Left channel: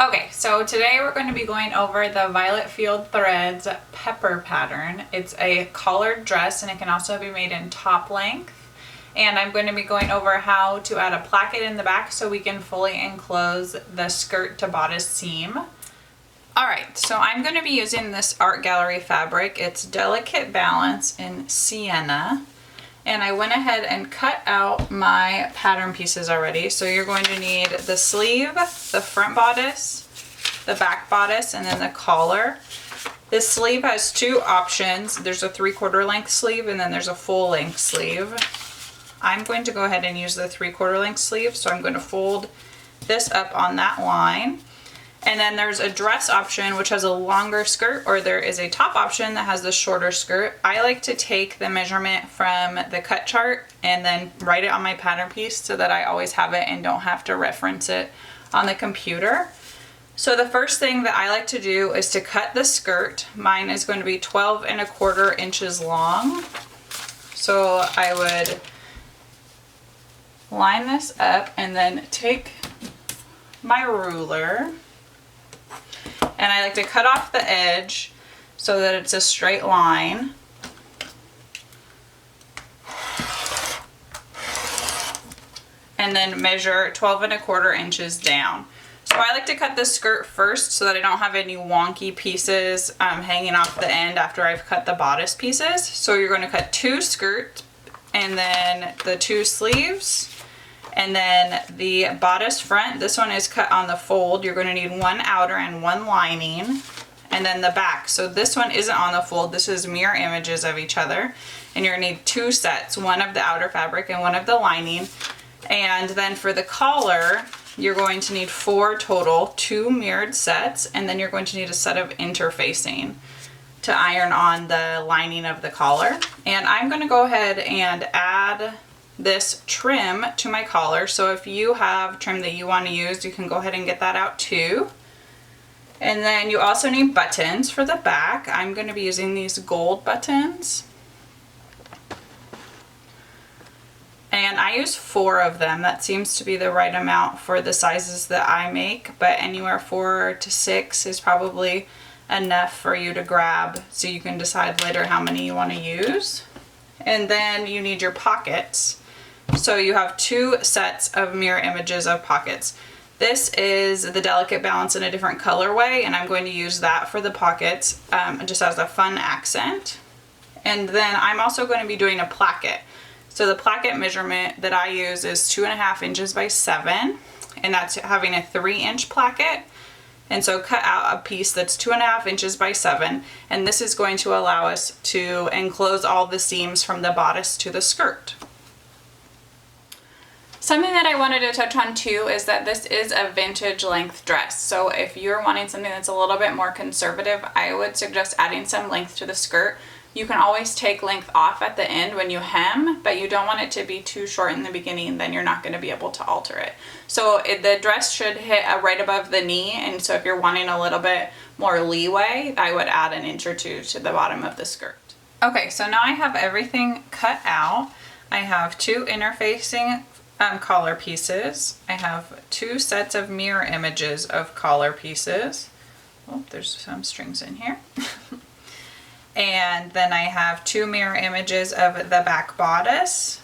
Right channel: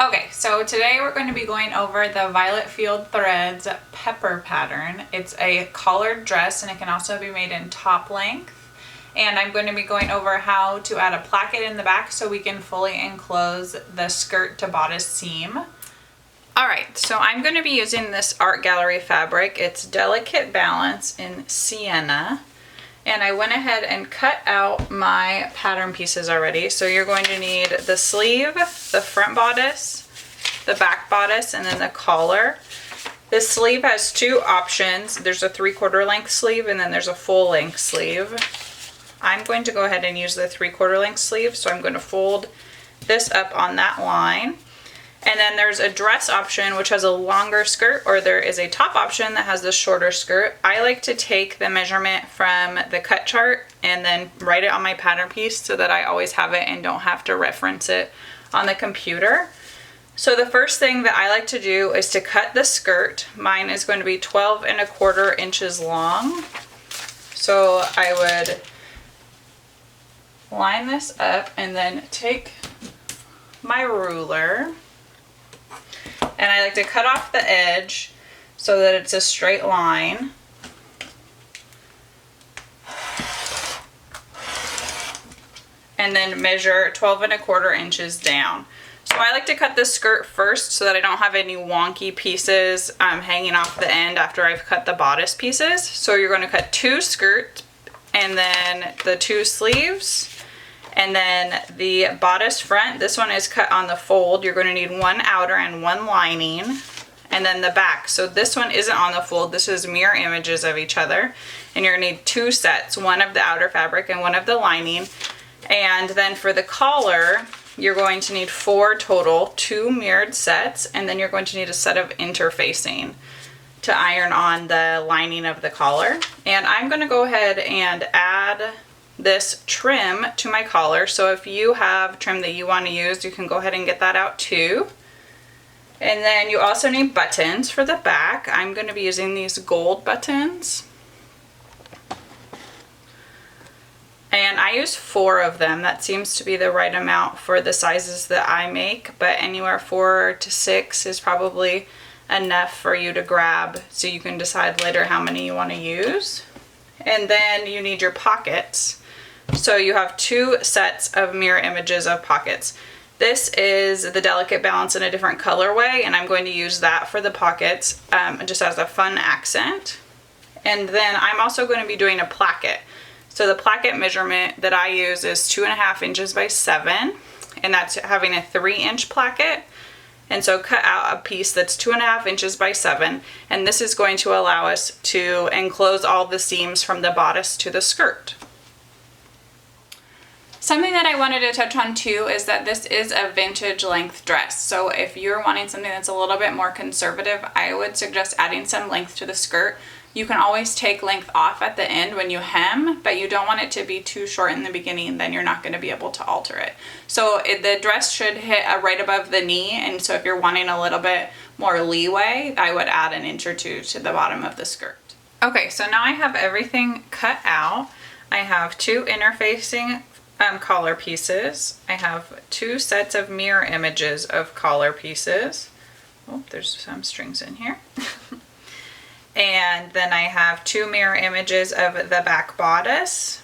Okay, so today we're going to be going over the Violette Field Threads pepper pattern. It's a collared dress and it can also be made in top length. And I'm going to be going over how to add a placket in the back so we can fully enclose the skirt to bodice seam. Alright, so I'm going to be using this art gallery fabric. It's Delicate Balance in Sienna. And I went ahead and cut out my pattern pieces already. So you're going to need the sleeve, the front bodice, the back bodice, and then the collar. This sleeve has two options. There's a 3/4 length sleeve and then there's a full length sleeve. I'm going to go ahead and use the 3/4 length sleeve. So I'm going to fold this up on that line. And then there's a dress option which has a longer skirt, or there is a top option that has the shorter skirt. I like to take the measurement from the cut chart and then write it on my pattern piece so that I always have it and don't have to reference it on the computer. So the first thing that I like to do is to cut the skirt. Mine is going to be 12¼ inches long. So I would line this up and then take my ruler. And I like to cut off the edge so that it's a straight line. And then measure 12¼ inches down. So I like to cut this skirt first so that I don't have any wonky pieces hanging off the end after I've cut the bodice pieces. So you're going to cut two skirts and then the two sleeves. And then the bodice front, this one is cut on the fold. You're going to need one outer and one lining. And then the back. So this one isn't on the fold. This is mirror images of each other. And you're going to need two sets, one of the outer fabric and one of the lining. And then for the collar, you're going to need 4 total, 2 mirrored sets. And then you're going to need a set of interfacing to iron on the lining of the collar. And I'm going to go ahead and add this trim to my collar. So if you have trim that you want to use, you can go ahead and get that out too. And then you also need buttons for the back. I'm going to be using these gold buttons. And I use 4 of them. That seems to be the right amount for the sizes that I make, but anywhere 4 to 6 is probably enough for you to grab, so you can decide later how many you want to use. And then you need your pockets. So you have 2 sets of mirror images of pockets. This is the Delicate Balance in a different colorway, and I'm going to use that for the pockets just as a fun accent. And then I'm also going to be doing a placket. So the placket measurement that I use is 2½ inches by 7, and that's having a 3-inch placket. And so cut out a piece that's 2½ inches by 7, and this is going to allow us to enclose all the seams from the bodice to the skirt. Something that I wanted to touch on too is that this is a vintage length dress. So if you're wanting something that's a little bit more conservative, I would suggest adding some length to the skirt. You can always take length off at the end when you hem, but you don't want it to be too short in the beginning, then you're not going to be able to alter it. So the dress should hit right above the knee, and so if you're wanting a little bit more leeway, I would add 1 inch or 2 to the bottom of the skirt. Okay, so now I have everything cut out. I have 2 interfacing collar pieces. I have 2 sets of mirror images of collar pieces. Oh, there's some strings in here. And then I have 2 mirror images of the back bodice.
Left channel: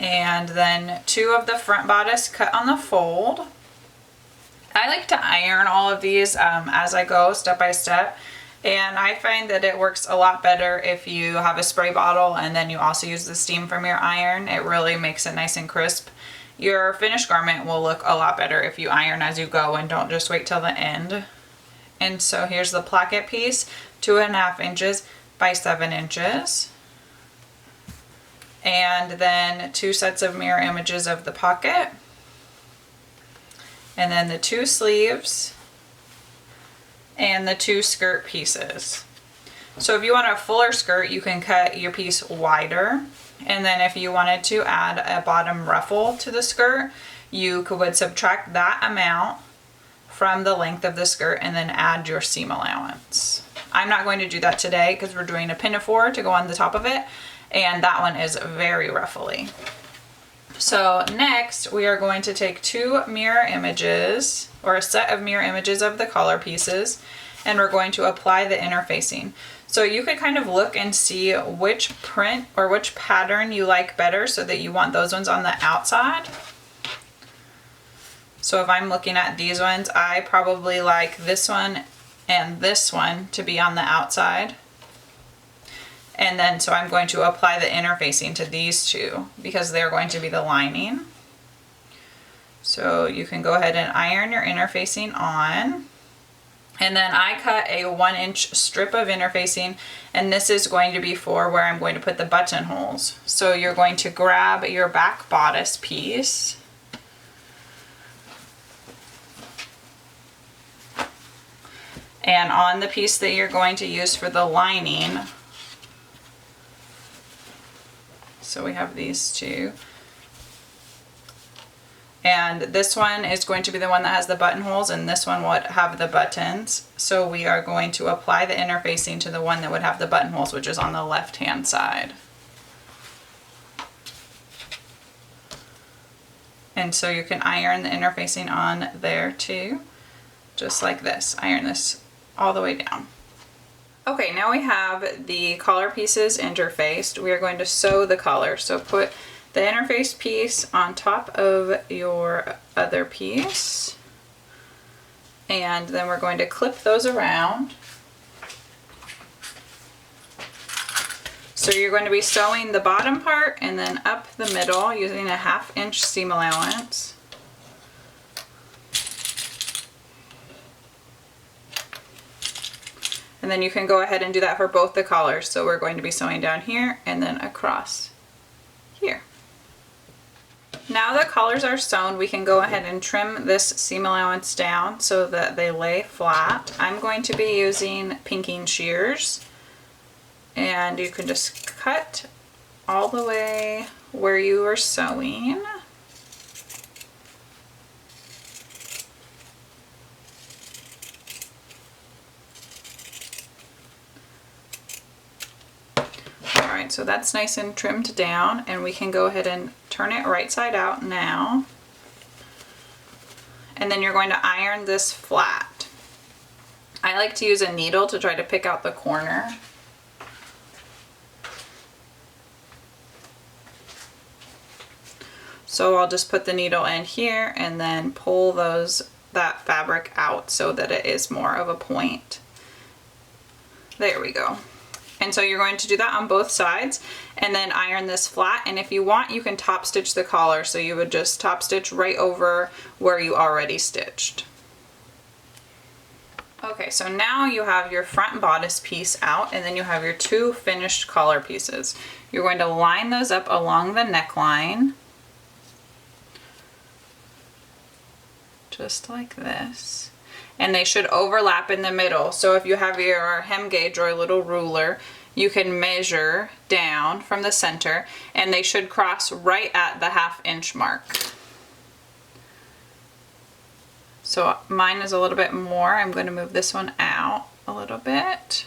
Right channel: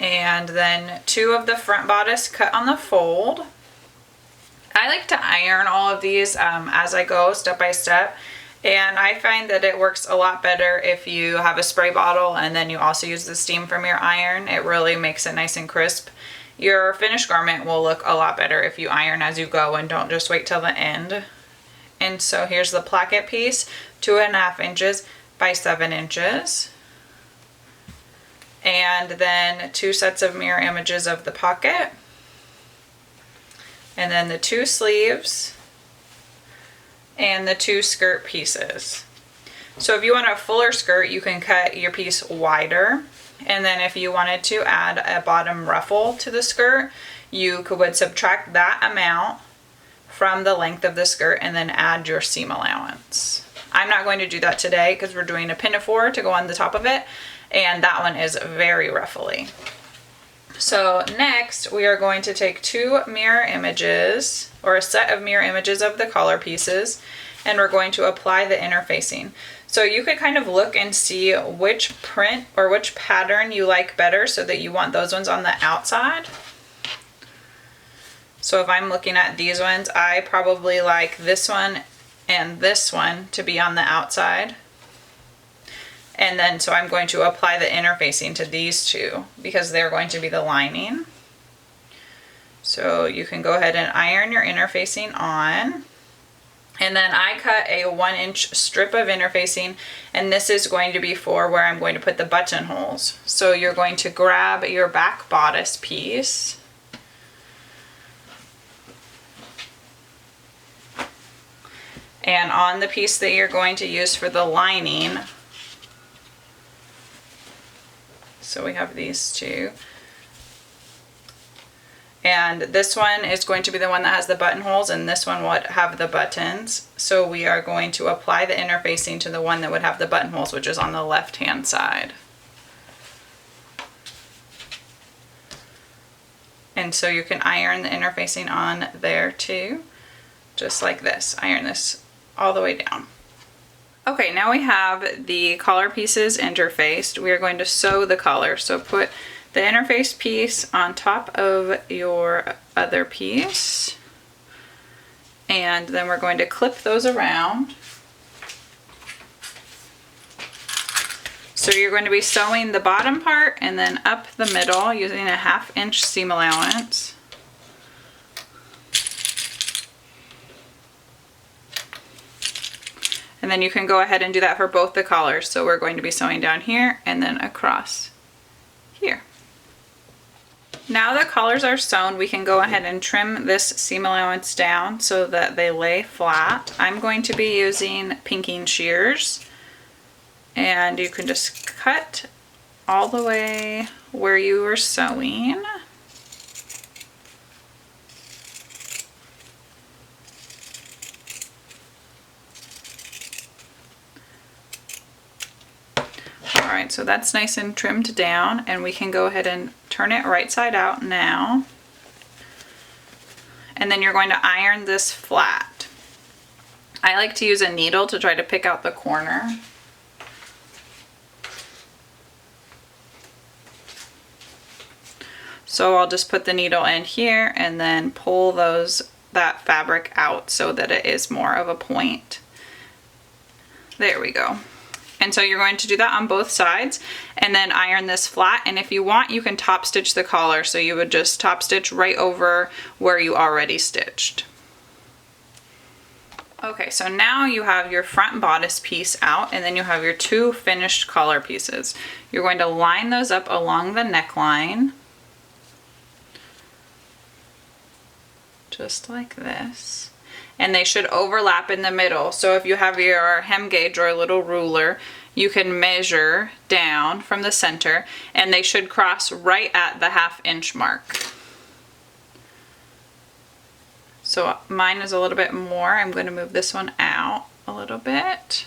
And then 2 of the front bodice cut on the fold. I like to iron all of these as I go step by step. And I find that it works a lot better if you have a spray bottle and then you also use the steam from your iron. It really makes it nice and crisp. Your finished garment will look a lot better if you iron as you go and don't just wait till the end. And so here's the placket piece, 2½ inches by 7 inches. And then 2 sets of mirror images of the pocket. And then the 2 sleeves. And the 2 skirt pieces. So if you want a fuller skirt, you can cut your piece wider. And then if you wanted to add a bottom ruffle to the skirt, you would subtract that amount from the length of the skirt and then add your seam allowance. I'm not going to do that today because we're doing a pinafore to go on the top of it, and that one is very ruffly. So next we are going to take two mirror images, or a set of mirror images of the collar pieces, and we're going to apply the interfacing. So you could kind of look and see which print or which pattern you like better so that you want those ones on the outside. So if I'm looking at these ones, I probably like this one and this one to be on the outside. And then so I'm going to apply the interfacing to these two because they're going to be the lining. So you can go ahead and iron your interfacing on. And then I cut a 1-inch strip of interfacing, and this is going to be for where I'm going to put the buttonholes. So you're going to grab your back bodice piece. And on the piece that you're going to use for the lining, so we have these two. And this one is going to be the one that has the buttonholes, and this one would have the buttons. So we are going to apply the interfacing to the one that would have the buttonholes, which is on the left-hand side. And so you can iron the interfacing on there too, just like this. Iron this all the way down. Okay, now we have the collar pieces interfaced. We are going to sew the collar. So put the interface piece on top of your other piece, and then we're going to clip those around. So you're going to be sewing the bottom part and then up the middle using a 1/2-inch seam allowance. And then you can go ahead and do that for both the collars. So we're going to be sewing down here and then across here. Now the collars are sewn, we can go ahead and trim this seam allowance down so that they lay flat. I'm going to be using pinking shears, and you can just cut all the way where you are sewing. Alright, so that's nice and trimmed down, and we can go ahead and turn it right side out now. And then you're going to iron this flat. I like to use a needle to try to pick out the corner. So I'll just put the needle in here and then pull that fabric out so that it is more of a point. There we go. And so you're going to do that on both sides and then iron this flat. And if you want, you can top stitch the collar. So you would just top stitch right over where you already stitched. Okay, so now you have your front bodice piece out, and then you have your two finished collar pieces. You're going to line those up along the neckline, just like this. And they should overlap in the middle. So if you have your hem gauge or a little ruler, you can measure down from the center, and they should cross right at the 1/2-inch mark. So mine is a little bit more. I'm going to move this one out a little bit.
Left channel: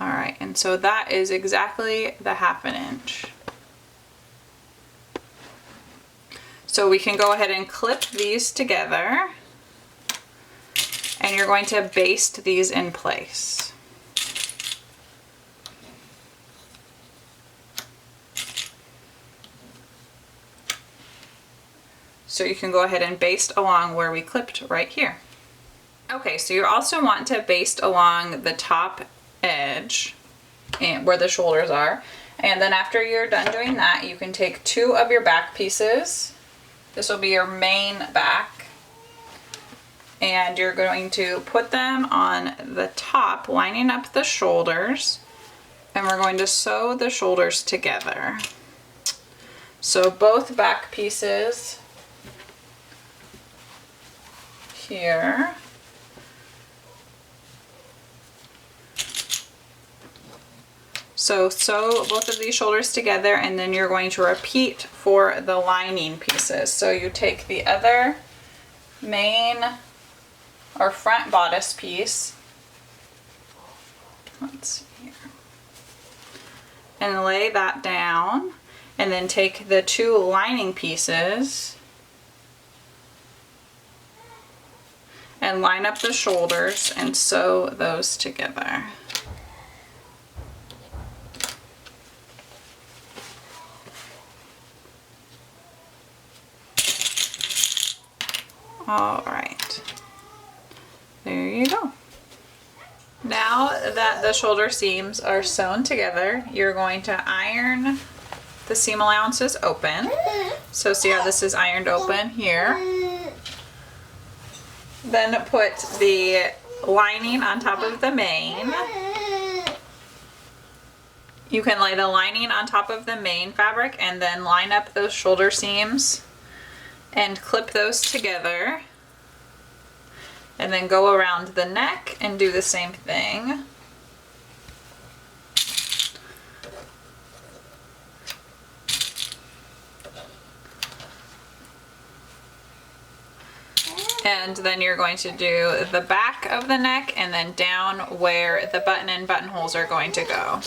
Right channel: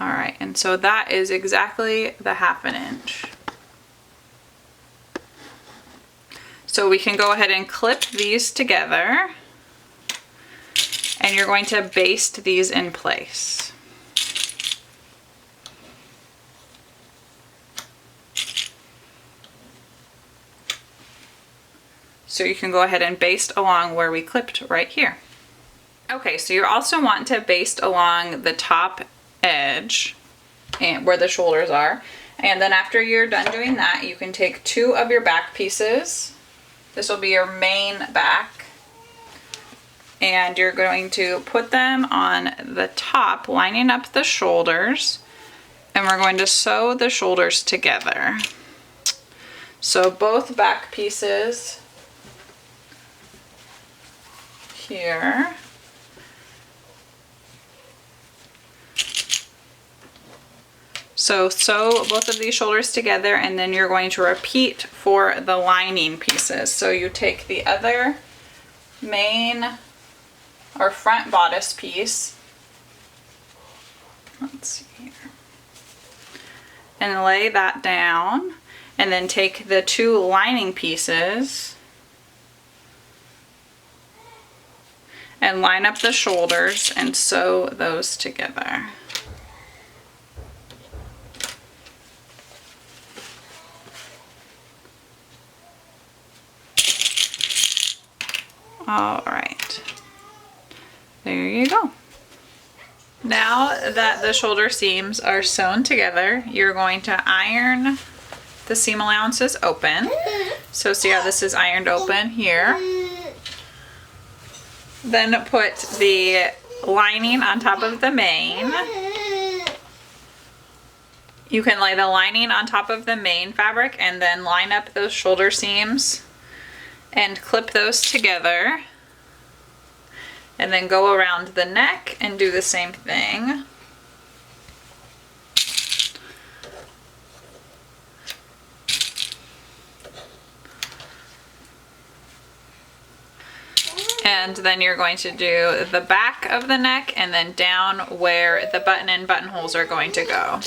All right, and so that is exactly the 1/2 inch. So we can go ahead and clip these together, and you're going to baste these in place. So you can go ahead and baste along where we clipped right here. Okay, so you also want to baste along the top edge and where the shoulders are. And then after you're done doing that, you can take two of your back pieces. This will be your main back, and you're going to put them on the top, lining up the shoulders, and we're going to sew the shoulders together. So both back pieces here. So sew both of these shoulders together, and then you're going to repeat for the lining pieces. So you take the other main or front bodice piece. Let's see here. and lay that down, and then take the two lining pieces and line up the shoulders and sew those together. All right, there you go. Now that the shoulder seams are sewn together, you're going to iron the seam allowances open. So see how this is ironed open here. Then put the lining on top of the main. You can lay the lining on top of the main fabric and then line up those shoulder seams and clip those together. And then go around the neck and do the same thing. And then you're going to do the back of the neck and then down where the button and buttonholes are going to go.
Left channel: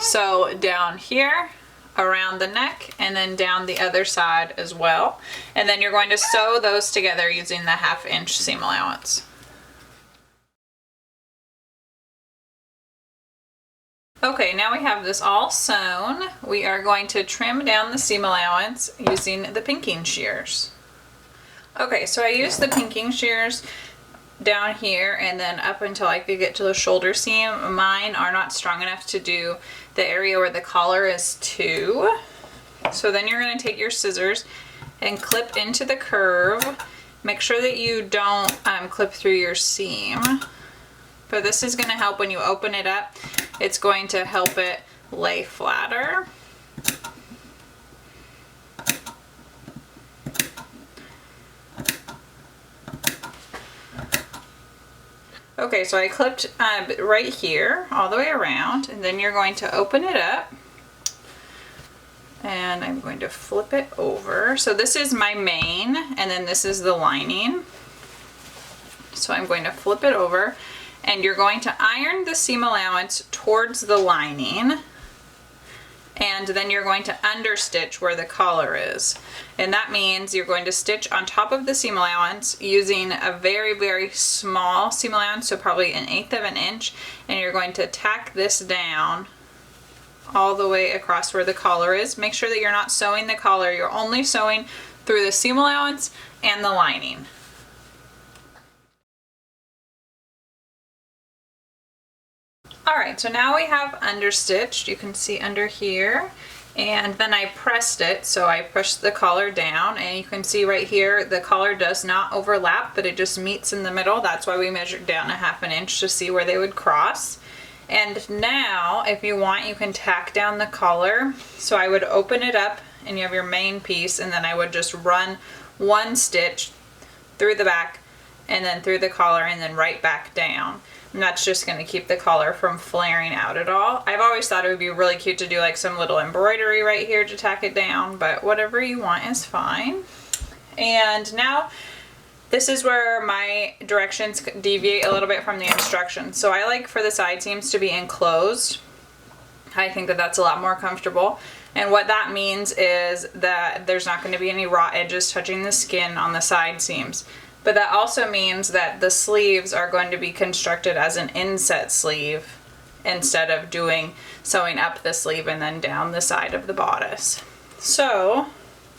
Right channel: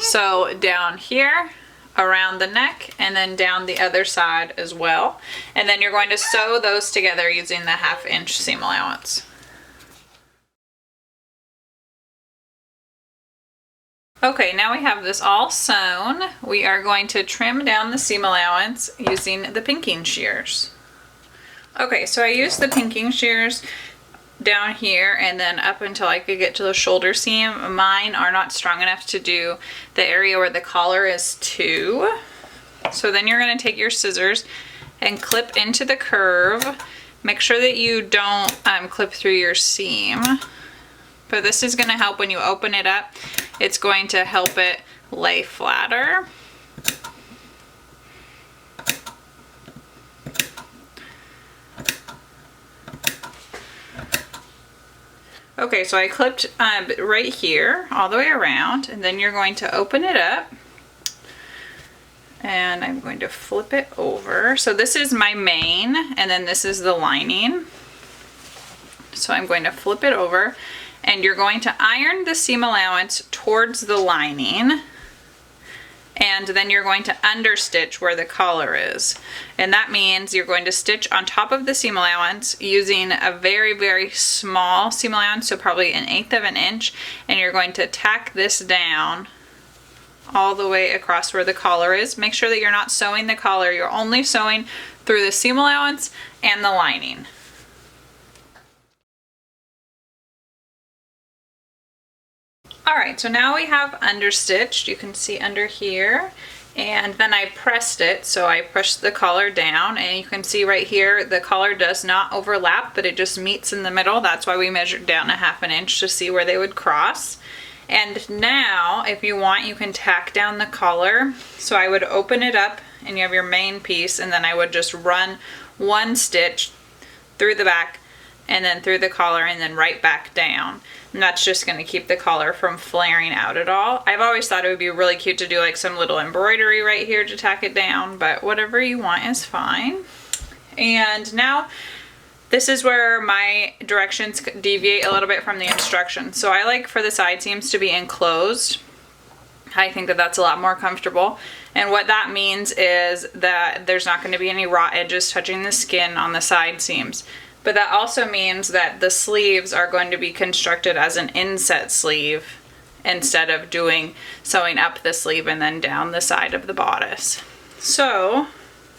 So down here, around the neck, and then down the other side as well. And then you're going to sew those together using the 1/2 inch seam allowance. Okay, now we have this all sewn. We are going to trim down the seam allowance using the pinking shears. Okay, so I used the pinking shears down here and then up until I could get to the shoulder seam. Mine are not strong enough to do the area where the collar is too. So then you're going to take your scissors and clip into the curve. Make sure that you don't clip through your seam. But this is going to help when you open it up. It's going to help it lay flatter. Okay, so I clipped right here all the way around, and then you're going to open it up and I'm going to flip it over. So this is my main and then this is the lining. So I'm going to flip it over and you're going to iron the seam allowance towards the lining. And then you're going to understitch where the collar is. And that means you're going to stitch on top of the seam allowance using a very, very small seam allowance, so probably 1/8 of an inch. And you're going to tack this down all the way across where the collar is. Make sure that you're not sewing the collar, you're only sewing through the seam allowance and the lining. Alright, so now we have understitched, you can see under here, and then I pressed it, so I pushed the collar down, and you can see right here the collar does not overlap, but it just meets in the middle. That's why we measured down 1/2 an inch to see where they would cross. And now, if you want, you can tack down the collar. So I would open it up, and you have your main piece, and then I would just run one stitch through the back, and then through the collar, and then right back down. And that's just going to keep the collar from flaring out at all. I've always thought it would be really cute to do like some little embroidery right here to tack it down, but whatever you want is fine. And now this is where my directions deviate a little bit from the instructions. So I like for the side seams to be enclosed. I think that that's a lot more comfortable. And what that means is that there's not going to be any raw edges touching the skin on the side seams. But that also means that the sleeves are going to be constructed as an inset sleeve instead of sewing up the sleeve and then down the side of the bodice. So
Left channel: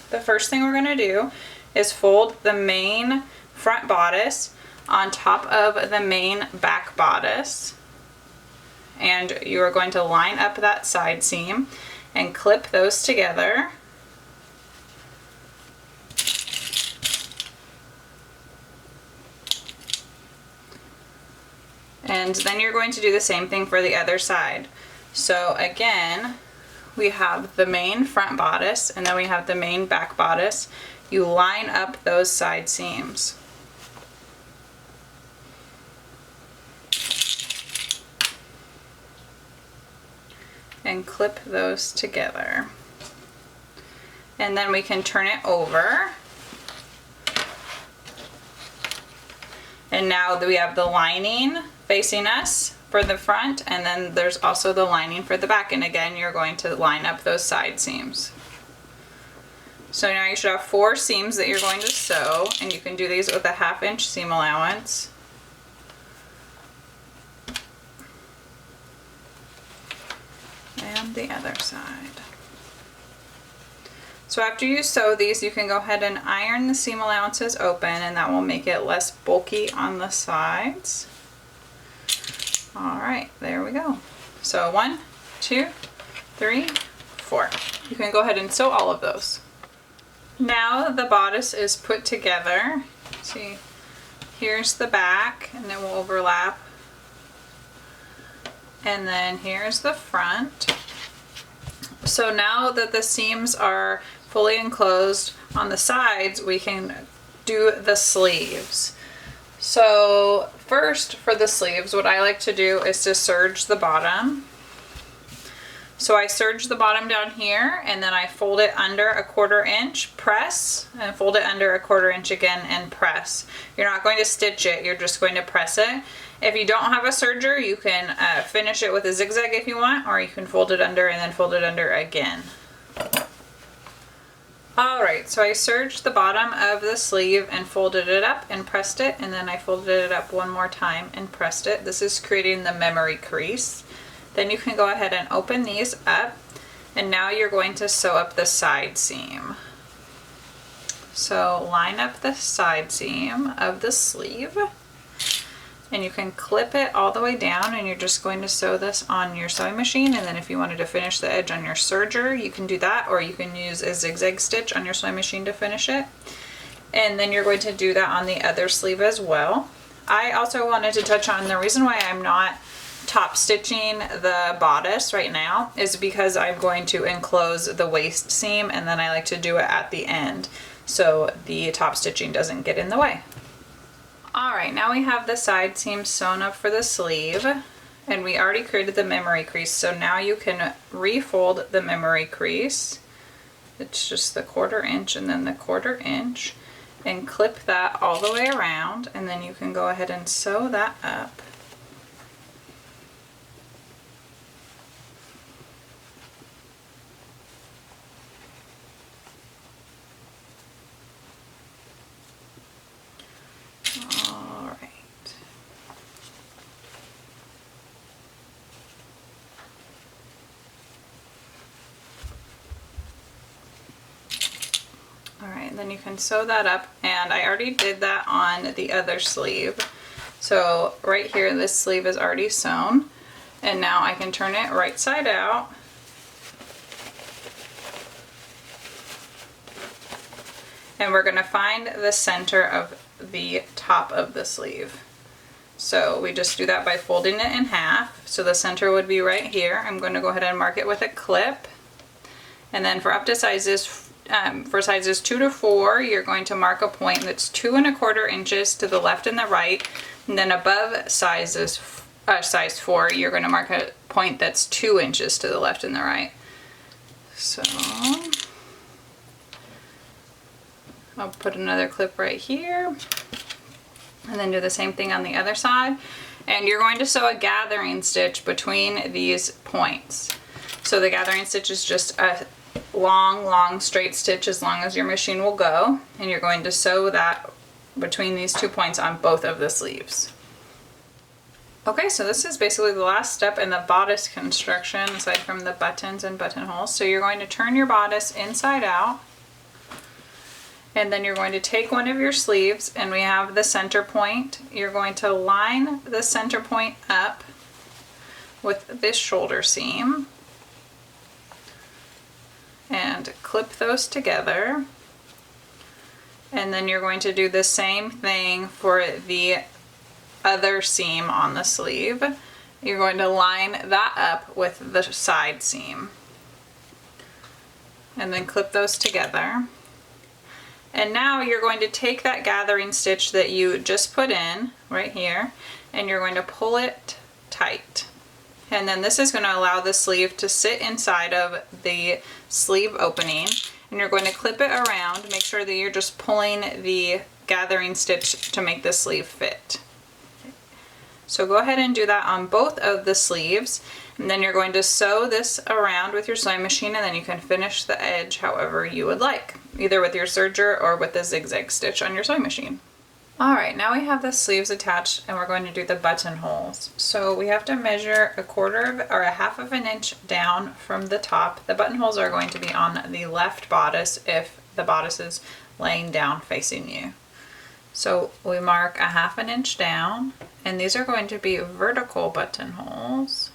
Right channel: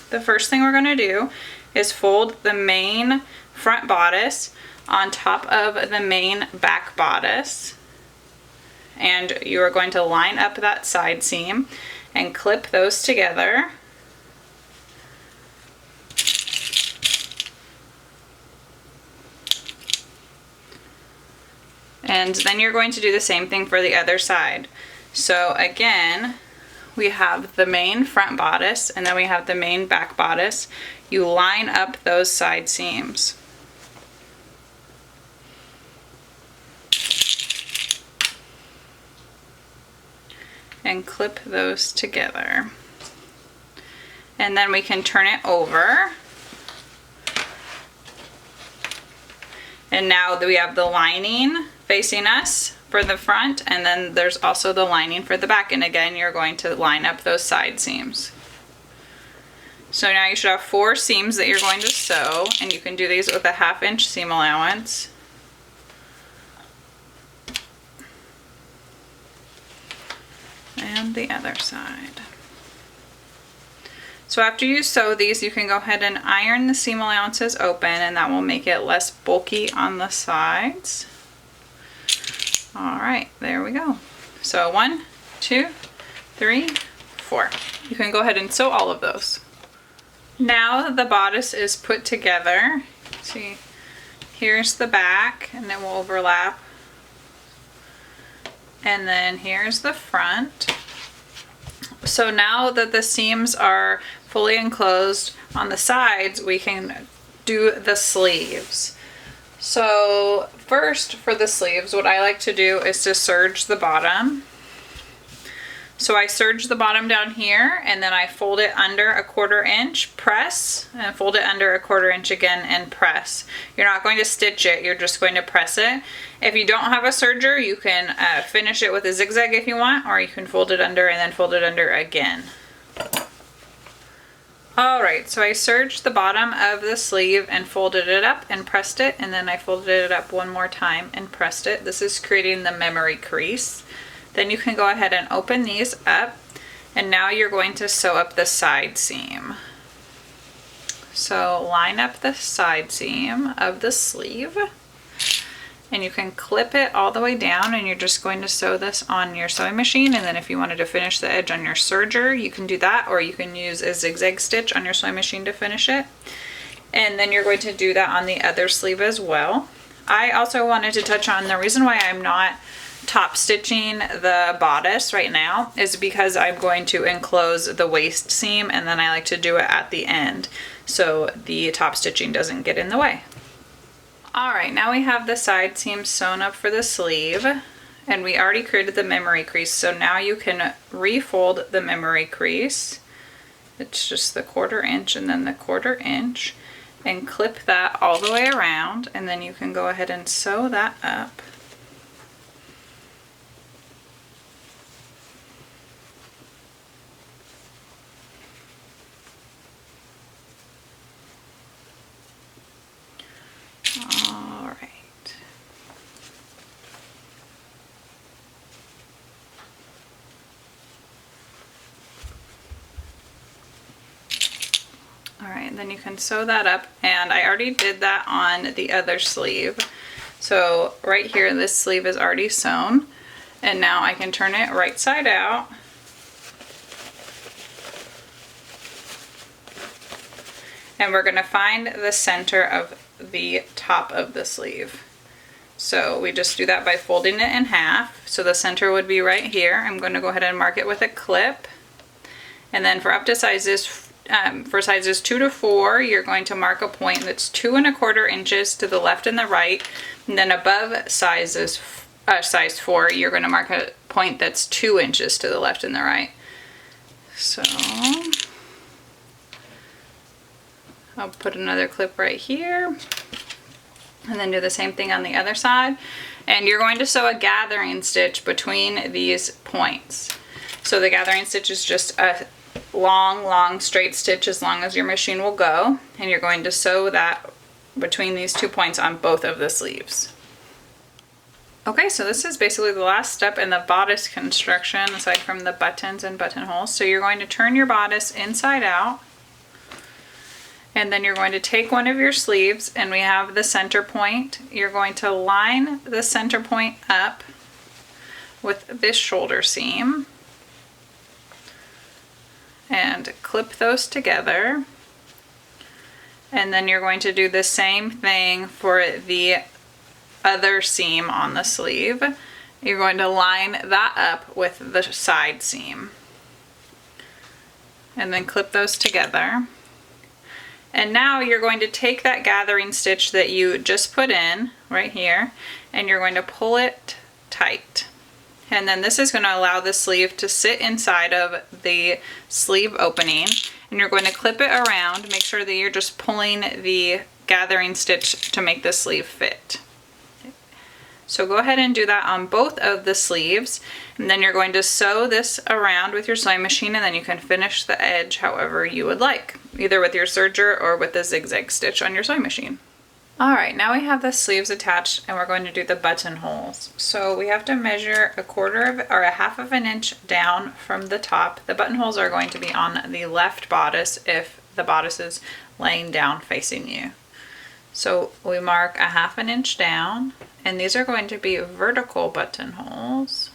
the first thing we're going to do is fold the main front bodice on top of the main back bodice. And you are going to line up that side seam and clip those together. And then you're going to do the same thing for the other side. So again, we have the main front bodice and then we have the main back bodice. You line up those side seams. And clip those together. And then we can turn it over. And now that we have the lining facing us for the front, and then there's also the lining for the back, and again you're going to line up those side seams. So now you should have 4 seams that you're going to sew, and you can do these with a 1/2 inch seam allowance. And the other side. So after you sew these, you can go ahead and iron the seam allowances open, and that will make it less bulky on the sides. All right, there we go. So 1, 2, 3, 4. You can go ahead and sew all of those. Now the bodice is put together. See, here's the back, and it will overlap. And then here's the front. So now that the seams are fully enclosed on the sides, we can do the sleeves. So first, for the sleeves, what I like to do is to serge the bottom. So I serge the bottom down here, and then I fold it under a 1/4 inch, press, and fold it under a 1/4 inch again and press. You're not going to stitch it, you're just going to press it. If you don't have a serger, you can finish it with a zigzag if you want, or you can fold it under and then fold it under again. Alright, so I serged the bottom of the sleeve and folded it up and pressed it, and then I folded it up one more time and pressed it. This is creating the memory crease. Then you can go ahead and open these up, and now you're going to sew up the side seam. So line up the side seam of the sleeve, and you can clip it all the way down, and you're just going to sew this on your sewing machine, and then if you wanted to finish the edge on your serger, you can do that, or you can use a zigzag stitch on your sewing machine to finish it. And then you're going to do that on the other sleeve as well. I also wanted to touch on the reason why I'm not top stitching the bodice right now is because I'm going to enclose the waist seam, and then I like to do it at the end so the top stitching doesn't get in the way. Alright, now we have the side seam sewn up for the sleeve, and we already created the memory crease, so now you can refold the memory crease. It's just the 1/4 inch and then the 1/4 inch, and clip that all the way around, and then you can go ahead and sew that up. Alright, then you can sew that up, and I already did that on the other sleeve. So right here, this sleeve is already sewn, and now I can turn it right side out. And we're going to find the center of the top of the sleeve. So we just do that by folding it in half. So the center would be right here. I'm going to go ahead and mark it with a clip. And then for up to sizes, for sizes 2 to 4, you're going to mark a point that's 2 1/4 inches to the left and the right. And then above size 4, you're going to mark a point that's 2 inches to the left and the right. So I'll put another clip right here, and then do the same thing on the other side. And you're going to sew a gathering stitch between these points. So the gathering stitch is just a long straight stitch as long as your machine will go, and you're going to sew that between these 2 points on both of the sleeves. Okay, so this is basically the last step in the bodice construction aside from the buttons and buttonholes. So you're going to turn your bodice inside out, and then you're going to take one of your sleeves, and we have the center point. You're going to line the center point up with this shoulder seam and clip those together. And then you're going to do the same thing for the other seam on the sleeve. You're going to line that up with the side seam and then clip those together. And now you're going to take that gathering stitch that you just put in right here, and you're going to pull it tight. And then this is going to allow the sleeve to sit inside of the sleeve opening, and you're going to clip it around. Make sure that you're just pulling the gathering stitch to make the sleeve fit. So go ahead and do that on both of the sleeves, and then you're going to sew this around with your sewing machine, and then you can finish the edge however you would like, either with your serger or with the zigzag stitch on your sewing machine. Alright, now we have the sleeves attached and we're going to do the buttonholes. So we have to measure a half of an inch down from the top. The buttonholes are going to be on the left bodice if the bodice is laying down facing you. So we mark a half an inch down, and these are going to be vertical buttonholes.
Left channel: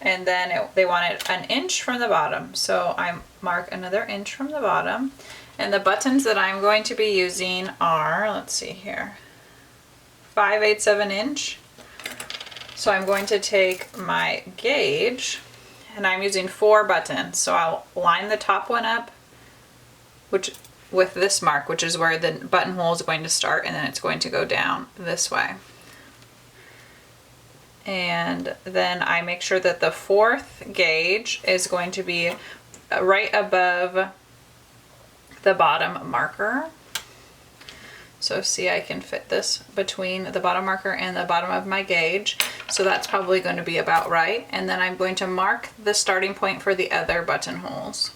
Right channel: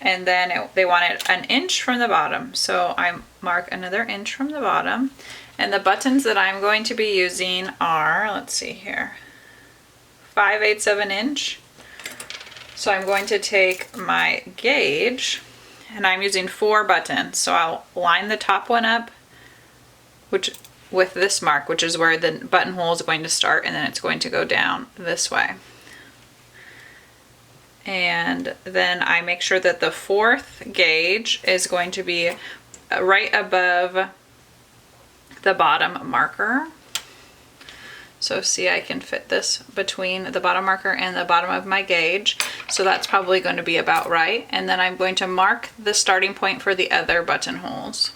And then they want it an inch from the bottom. So I mark another inch from the bottom. And the buttons that I'm going to be using are, let's see here, 5/8 of an inch. So I'm going to take my gauge, and I'm using 4 buttons. So I'll line the top one up, with this mark, which is where the buttonhole is going to start, and then it's going to go down this way. And then I make sure that the 4th gauge is going to be right above the bottom marker. So see, I can fit this between the bottom marker and the bottom of my gauge. So that's probably going to be about right. And then I'm going to mark the starting point for the other buttonholes.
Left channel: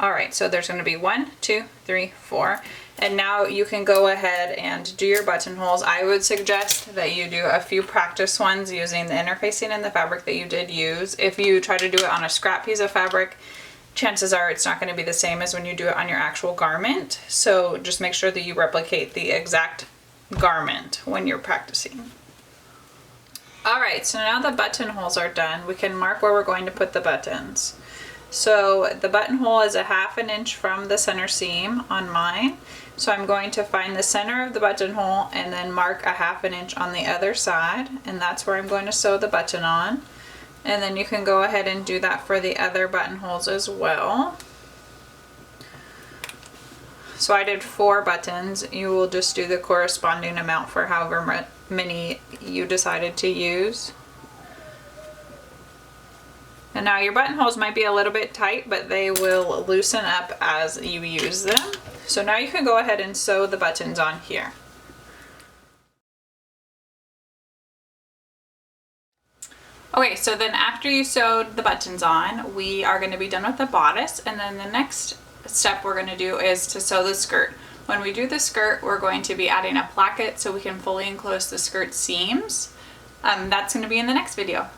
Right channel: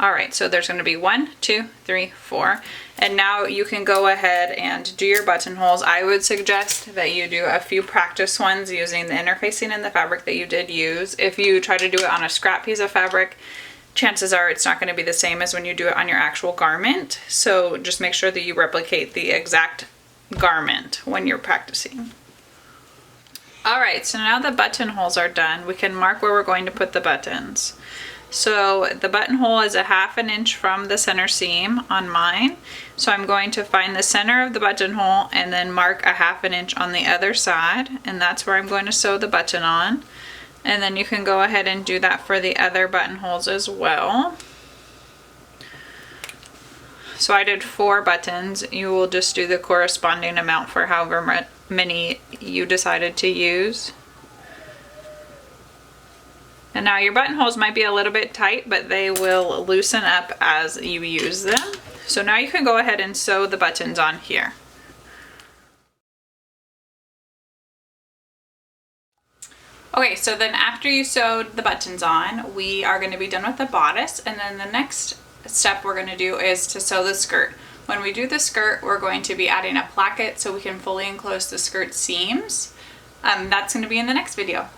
Alright, so there's going to be 1, 2, 3, 4. And now you can go ahead and do your buttonholes. I would suggest that you do a few practice ones using the interfacing and the fabric that you did use. If you try to do it on a scrap piece of fabric, chances are it's not going to be the same as when you do it on your actual garment. So just make sure that you replicate the exact garment when you're practicing. Alright, so now the buttonholes are done. We can mark where we're going to put the buttons. So the buttonhole is a half an inch from the center seam on mine. So I'm going to find the center of the buttonhole and then mark a half an inch on the other side, and that's where I'm going to sew the button on. And then you can go ahead and do that for the other buttonholes as well. So I did 4 buttons. You will just do the corresponding amount for however many you decided to use. And now your buttonholes might be a little bit tight, but they will loosen up as you use them. So now you can go ahead and sew the buttons on here. Okay, so then after you sewed the buttons on, we are going to be done with the bodice, and then the next step we're going to do is to sew the skirt. When we do the skirt, we're going to be adding a placket so we can fully enclose the skirt seams. That's going to be in the next video.